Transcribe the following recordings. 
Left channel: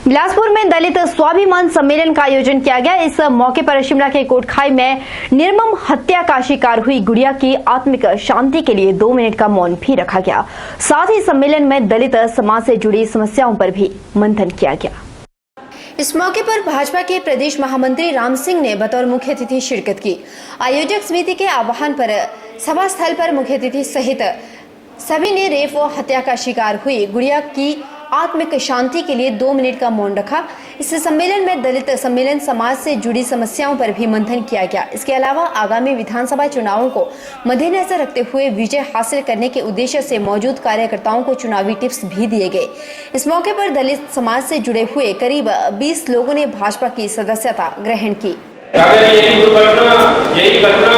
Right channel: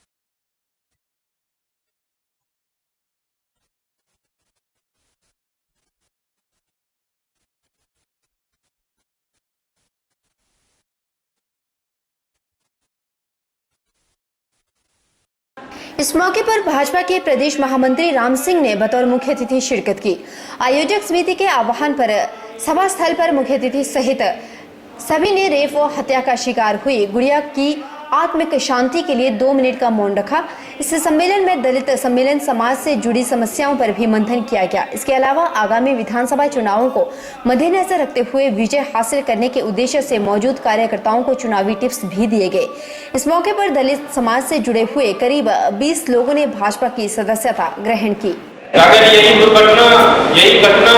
बिलासपुर में दलित स्वाभिमान सम्मेलन का आयोजन किया गया। इस मौके पर शिमला के कोटखाई में निर्मम हत्या का शिकार हुई गुड़िया की आत्मिक शांति के लिए 2 मिनट का मौन भी रखा गया। साथ ही सम्मेलन में दलित समाज से जुड़ी समस्याओं पर भी मंथन किया गया। इस मौके पर भाजपा के प्रदेश महामंत्री राम सिंह ने बतौर मुख्य अतिथि शिरकत की। आयोजक समिति के आह्वान पर सभा स्थल पर मुख्य अतिथि सहित सभी ने रेप व हत्या का शिकार हुई गुड़िया की आत्मिक शांति के लिए 2 मिनट का मौन रखा। इस सम्मेलन में दलित सम्मेलन समाज से जुड़ी समस्याओं पर भी मंथन किया गया। इसके अलावा आगामी विधानसभा चुनावों को मद्देनजर रखते हुए विजय हासिल करने के उद्देश्य से मौजूद कार्यकर्ताओं को चुनावी टिप्स भी दिए गए। इस मौके पर दलित समाज से जुड़े हुए करीब 20 लोगों ने भाजपा की सदस्यता ग्रहण की। अगर यही घटना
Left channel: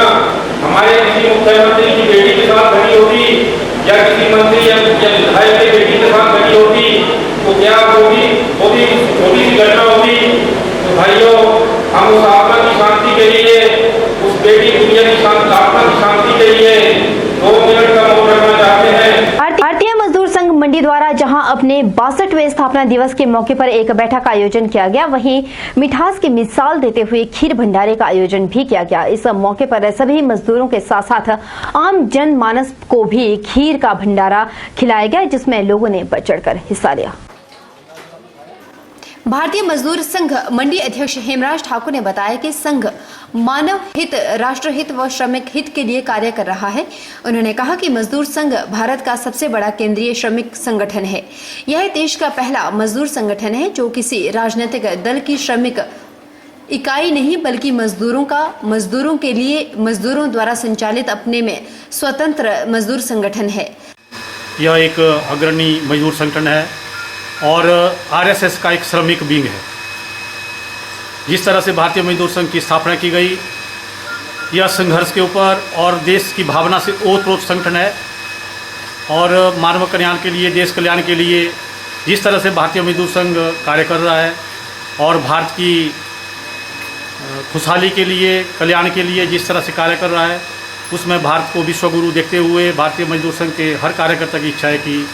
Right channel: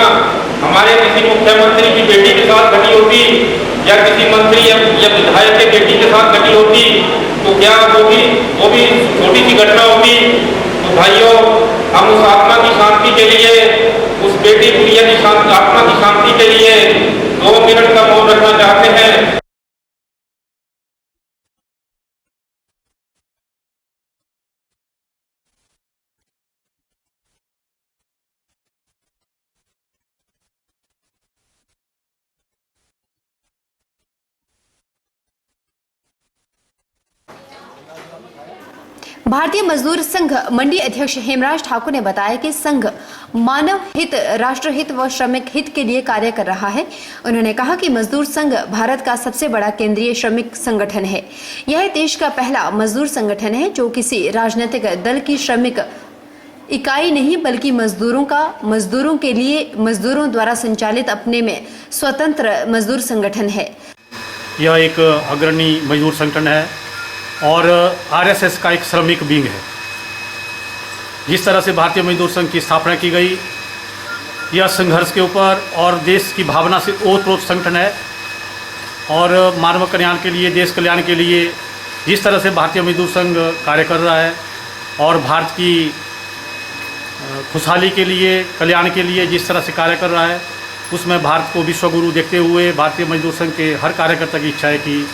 हमारे किसी मुख्यमंत्री की बेटी के साथ घटी होती या किसी मंत्री या विधायक के बेटी के साथ घटी होती तो क्या वो भी छोटी सी घटना होती। तो भाइयों, हम उस आत्मा की शांति के लिए, उस बेटी गुड़िया की आत्मा की शांति के लिए 2 मिनट का मौन रखना चाहते हैं। भारतीय मजदूर संघ मंडी द्वारा जहां अपने 62वें स्थापना दिवस के मौके पर एक बैठक का आयोजन किया गया, वहीं मिठास की मिसाल देते हुए खीर भंडारे का आयोजन भी किया गया। इस मौके पर सभी मजदूरों के साथ साथ आम जनमानस को भी खीर का भंडारा खिलाया गया, जिसमें लोगों ने बढ़ चढ़कर हिस्सा लिया। भारतीय मजदूर संघ मंडी अध्यक्ष हेमराज ठाकुर ने बताया कि संघ मानव हित, राष्ट्र हित व श्रमिक हित के लिए कार्य कर रहा है। उन्होंने कहा कि मजदूर संघ भारत का सबसे बड़ा केंद्रीय श्रमिक संगठन है। यह देश का पहला मजदूर संगठन है जो किसी राजनीतिक दल की श्रमिक इकाई नहीं बल्कि मजदूरों के लिए मजदूरों द्वारा संचालित अपने में स्वतंत्र मजदूर संगठन है। यह एक अग्रणी मजदूर संगठन है और आरएसएस का एक श्रमिक विंग है। जिस तरह से भारतीय मजदूर संघ की स्थापना की गई, यह संघर्ष के ऊपर और देश की भावना से ओतप्रोत संगठन है और मानव कल्याण के लिए, देश कल्याण के लिए जिस तरह से भारतीय मजदूर संघ कार्य कर रहा है और भारत की खुशहाली के लिए, कल्याण के लिए जिस तरह से कार्य कर रहा है, उसमें भारत को विश्वगुरु देखते हुए भारतीय मजदूर संघ के हर कार्यकर्ता की इच्छा है कि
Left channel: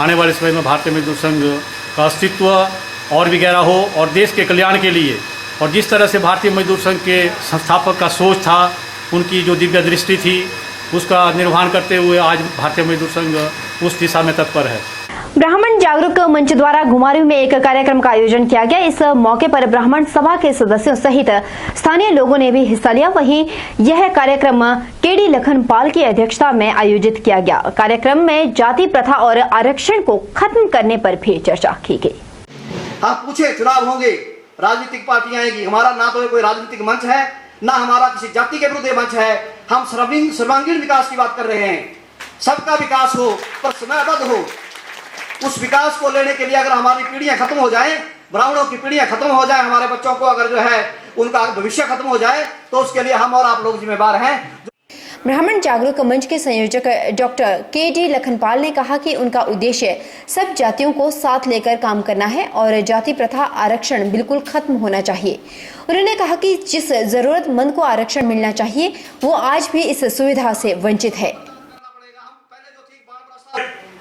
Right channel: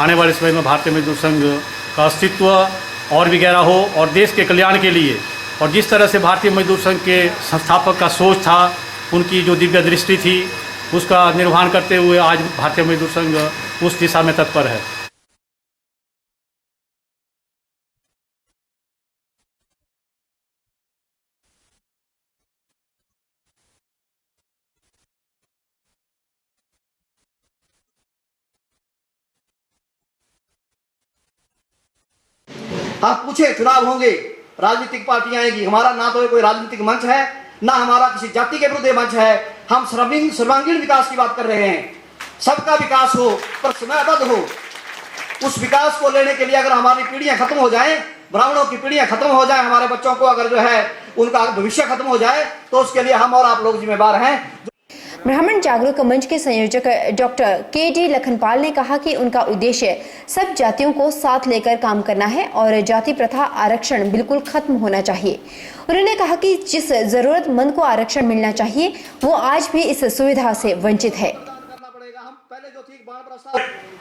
आने वाले समय में भारतीय मजदूर संघ का अस्तित्व और भी गहरा हो और देश के कल्याण के लिए, और जिस तरह से भारतीय मजदूर संघ के संस्थापक का सोच था, उनकी जो दिव्य दृष्टि थी, उसका निर्वहन करते हुए आज भारतीय मजदूर संघ उस दिशा में तत्पर है। ब्राह्मण जागरूक मंच द्वारा घुमारवीं में एक कार्यक्रम का आयोजन किया गया। इस मौके पर ब्राह्मण सभा के सदस्यों सहित स्थानीय लोगों ने भी हिस्सा लिया। वहीं यह कार्यक्रम केडी लखनपाल की अध्यक्षता में आयोजित किया गया। कार्यक्रम में जाति प्रथा और आरक्षण को खत्म करने पर भी चर्चा की गई। आप पूछे, चुनाव होंगे, राजनीतिक पार्टियां आएगी, हमारा ना तो कोई राजनीतिक मंच है, ना हमारा किसी जाति के विरुद्ध मंच है। हम सर्वांगीण विकास की बात कर रहे हैं। सबका विकास हो पर समयबद्ध हो। उस विकास को लेने के लिए अगर हमारी पीढ़ियां खत्म हो जाएं, ब्राह्मणों की पीढ़ियां खत्म हो जाए, हमारे बच्चों को अगर जो है उनका भविष्य खत्म हो जाए, तो उसके लिए हम और आप लोग जिम्मेदार हैं। ब्राह्मण जागरूक मंच के संयोजक डॉक्टर केडी लखनपाल ने कहा कि उनका उद्देश्य सब जातियों को साथ लेकर काम करना है और जाति प्रथा, आरक्षण बिल्कुल खत्म होना चाहिए। उन्होंने कहा कि जिस जरूरतमंद को आरक्षण मिलना चाहिए, वो आज भी इस सुविधा से वंचित है।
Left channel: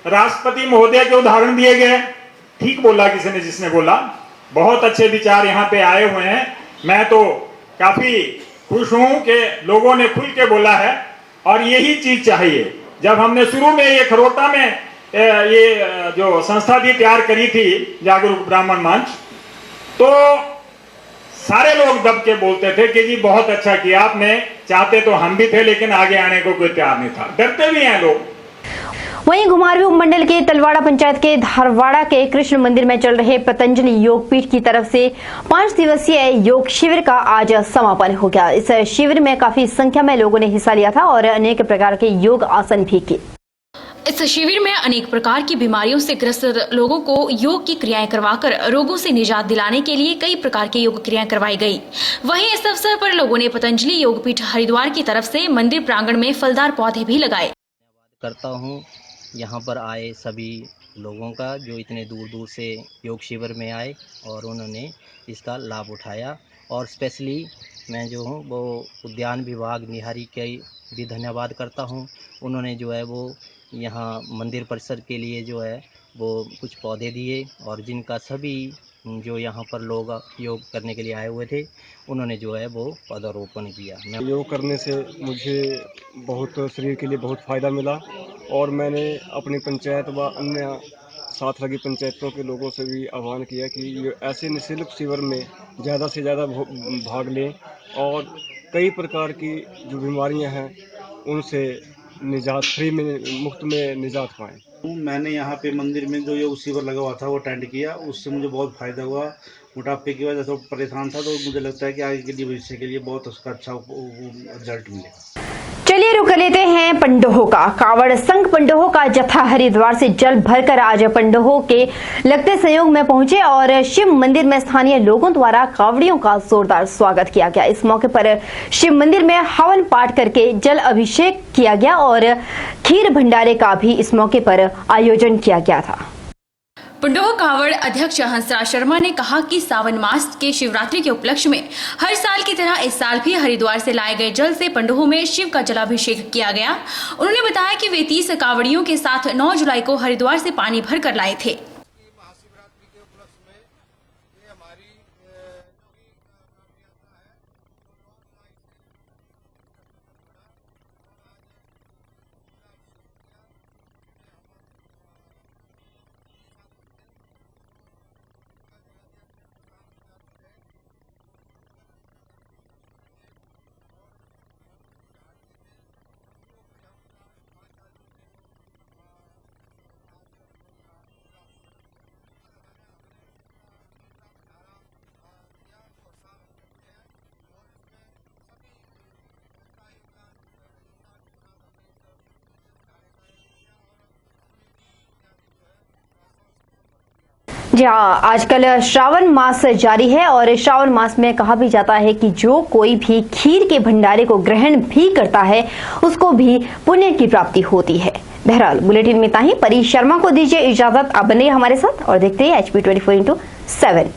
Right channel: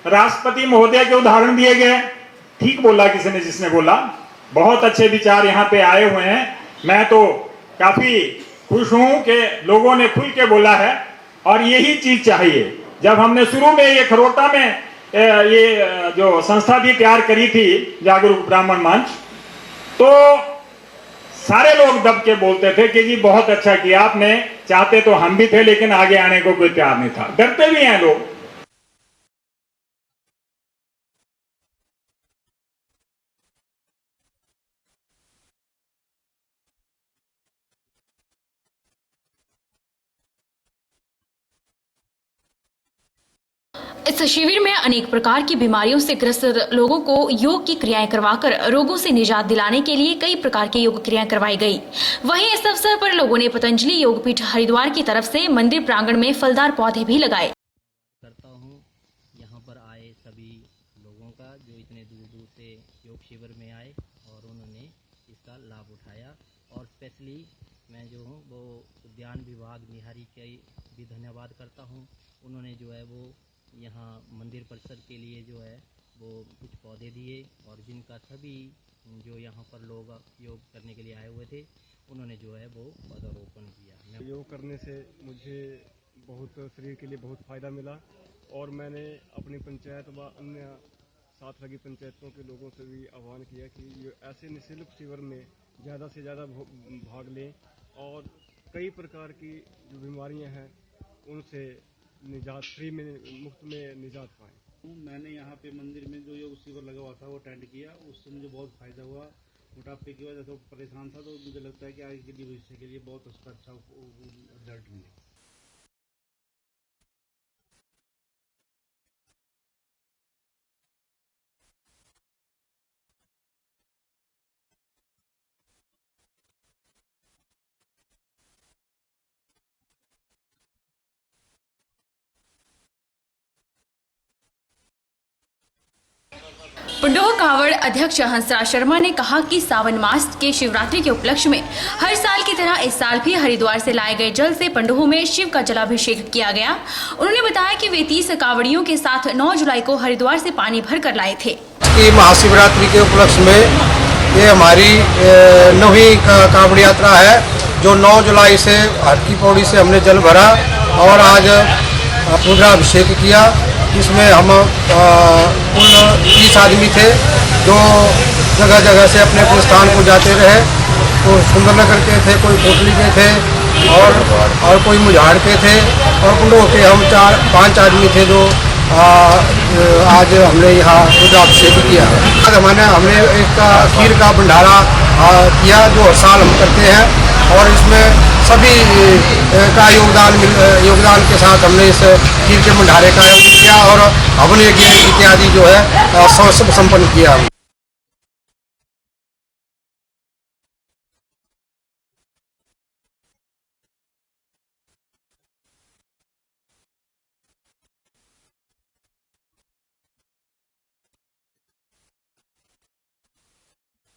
राष्ट्रपति महोदय के उदाहरण दिए गए, ठीक बोला किसी ने, जिसने बोला, बहुत अच्छे विचार यहाँ पे आए हुए हैं। मैं तो काफी खुश हूँ कि लोगों ने खुल के बोला है और यही चीज चाहिए। जब हमने शुरू में ये खरोटा में ये जो संस्था भी तैयार करी थी, जागरूक ब्राह्मण मंच, तो सारे लोग दब के बोलते थे कि जी बहुत अच्छा किया आपने, चाहते तो हम भी थे लेकिन आगे आने को कोई तैयार नहीं था, डरते भी हैं लोग। वहीं घुमारवीं उपमंडल के तलवाड़ा पंचायत के धारवाड़ा के कृष्ण मंदिर में चल रहे पतंजलि योग पीठ की तरफ से 5 दिवसीय योग शिविर का आज समापन हो गया। इस शिविर में काफी संख्या में लोगों ने हिस्सा लिया था और अनेक प्रकार के योग आसन भी किए। इस शिविर में अनेक प्रकार की बीमारियों से ग्रस्त लोगों को योग की क्रियाएं करवाकर रोगों से निजात दिलाने के लिए कई प्रकार की योग क्रियाएं करवाई गई। वहीं इस अवसर पर लोगों ने पतंजलि योग पीठ हरिद्वार की तरफ से मंदिर प्रांगण में फलदार पौधे भी लगाए। करता हूँ यहाँ पर आए सभी लोगों का जो इतने दूर दूर से योग शिविर में आए और उन्होंने इसका लाभ उठाया, और स्पेशली मैं जो हूँ वो उद्यान विभाग निहारी के भी धन्यवाद करता हूँ। उन्होंने जो है वो यहाँ मंदिर परिसर के लिए जो है वो कुछ पौधे दिए और जिनका सभी जो यहाँ पर लोग योग करने के लिए आए हुए थे, उन्होंने जो है वो पौधारोपण किया। मैं योग करने से मुझे बहुत शरीर के लिए बहुत फ़ायदा मिला और मैंने अपनी पंचायत व अन्य साथ लगी पंचायतों के लोगों से भी आह्वान किया कि ये ऐसे निःशुल्क शिविर में ज़्यादा से ज़्यादा भाग लें और कई प्रकार की जो बीमारियां हैं उनसे निजात मुफ्त में निजात पाएँ। मैंने यहाँ पे मंदिर में जो योग शिविर लगा हुआ था वो अटेंड किया, उससे मुझे बहुत फ़ायदा हुआ। मोटापे की वजह से परेशान था, तो मुझे लगता है कि आगे के लिए भविष्य के लिए बहुत उसका अच्छा रिजल्ट मिलेगा। चलिए रुक लेते हैं पंडोह का। कांवड़ संघ पंडोह का जत्था हरिद्वार से जल भरकर आज पंडोह के लगते संयोग में पहुंचे और शिव मंदिर में स्थानीय लोगों द्वारा कांवड़ियों का जोरदार स्वागत किया गया। इस मौके पर शिव मंदिर में हवन पाठ करके जल अभिषेक किया गया और खीर भंडारे का भी इस मौके पर आयोजन किया गया था। पंडोह कांवड़ अध्यक्ष हंसराज शर्मा ने कहा कि सावन मास के शिवरात्रि के उपलक्ष्य में हर साल की तरह इस साल भी हरिद्वार से लाए गए जल से पंडोह में शिव का जलाभिषेक किया गया। उन्होंने बताया कि वे 30 कांवड़ियों के साथ 9 जुलाई को हरिद्वार से पानी भर कर लाए थे। महाशिवरात्रि के उपलक्ष्य में ये हमारी 9वीं कांवड़ यात्रा है, जो 9 जुलाई से हर की पौड़ी से हमने जल भरा और आज रुद्राभिषेक किया। इसमें हम कुल 30 आदमी थे, जो जगह जगह से अपने अपने स्थान को जाते रहे। तो सुंदरनगर के थे, कोई कोटली के थे और कोई मुझाड़ के थे और पंडोह के हम 4-5 आदमी थे जो आज हमने यहाँ रुद्राभिषेक किया। आज हमने एक खीर का भंडारा किया जो हर साल हम करते हैं और इसमें सभी का योगदान के साथ हमने इस खीर के भंडारे का आयोजन किया और हवन यज्ञ इत्यादि जो है सब संपन्न किया। जी हाँ, आजकल श्रावण मास जारी है और श्रावण मास में कहा भी जाता है कि जो कोई भी खीर के भंडारे को ग्रहण भी करता है उसको भी पुण्य की प्राप्ति होती है। बहरहाल बुलेटिन में इतना ही। परी शर्मा को दीजिए इजाजत। आप बने हमारे साथ और देखते हैं HP 24/7।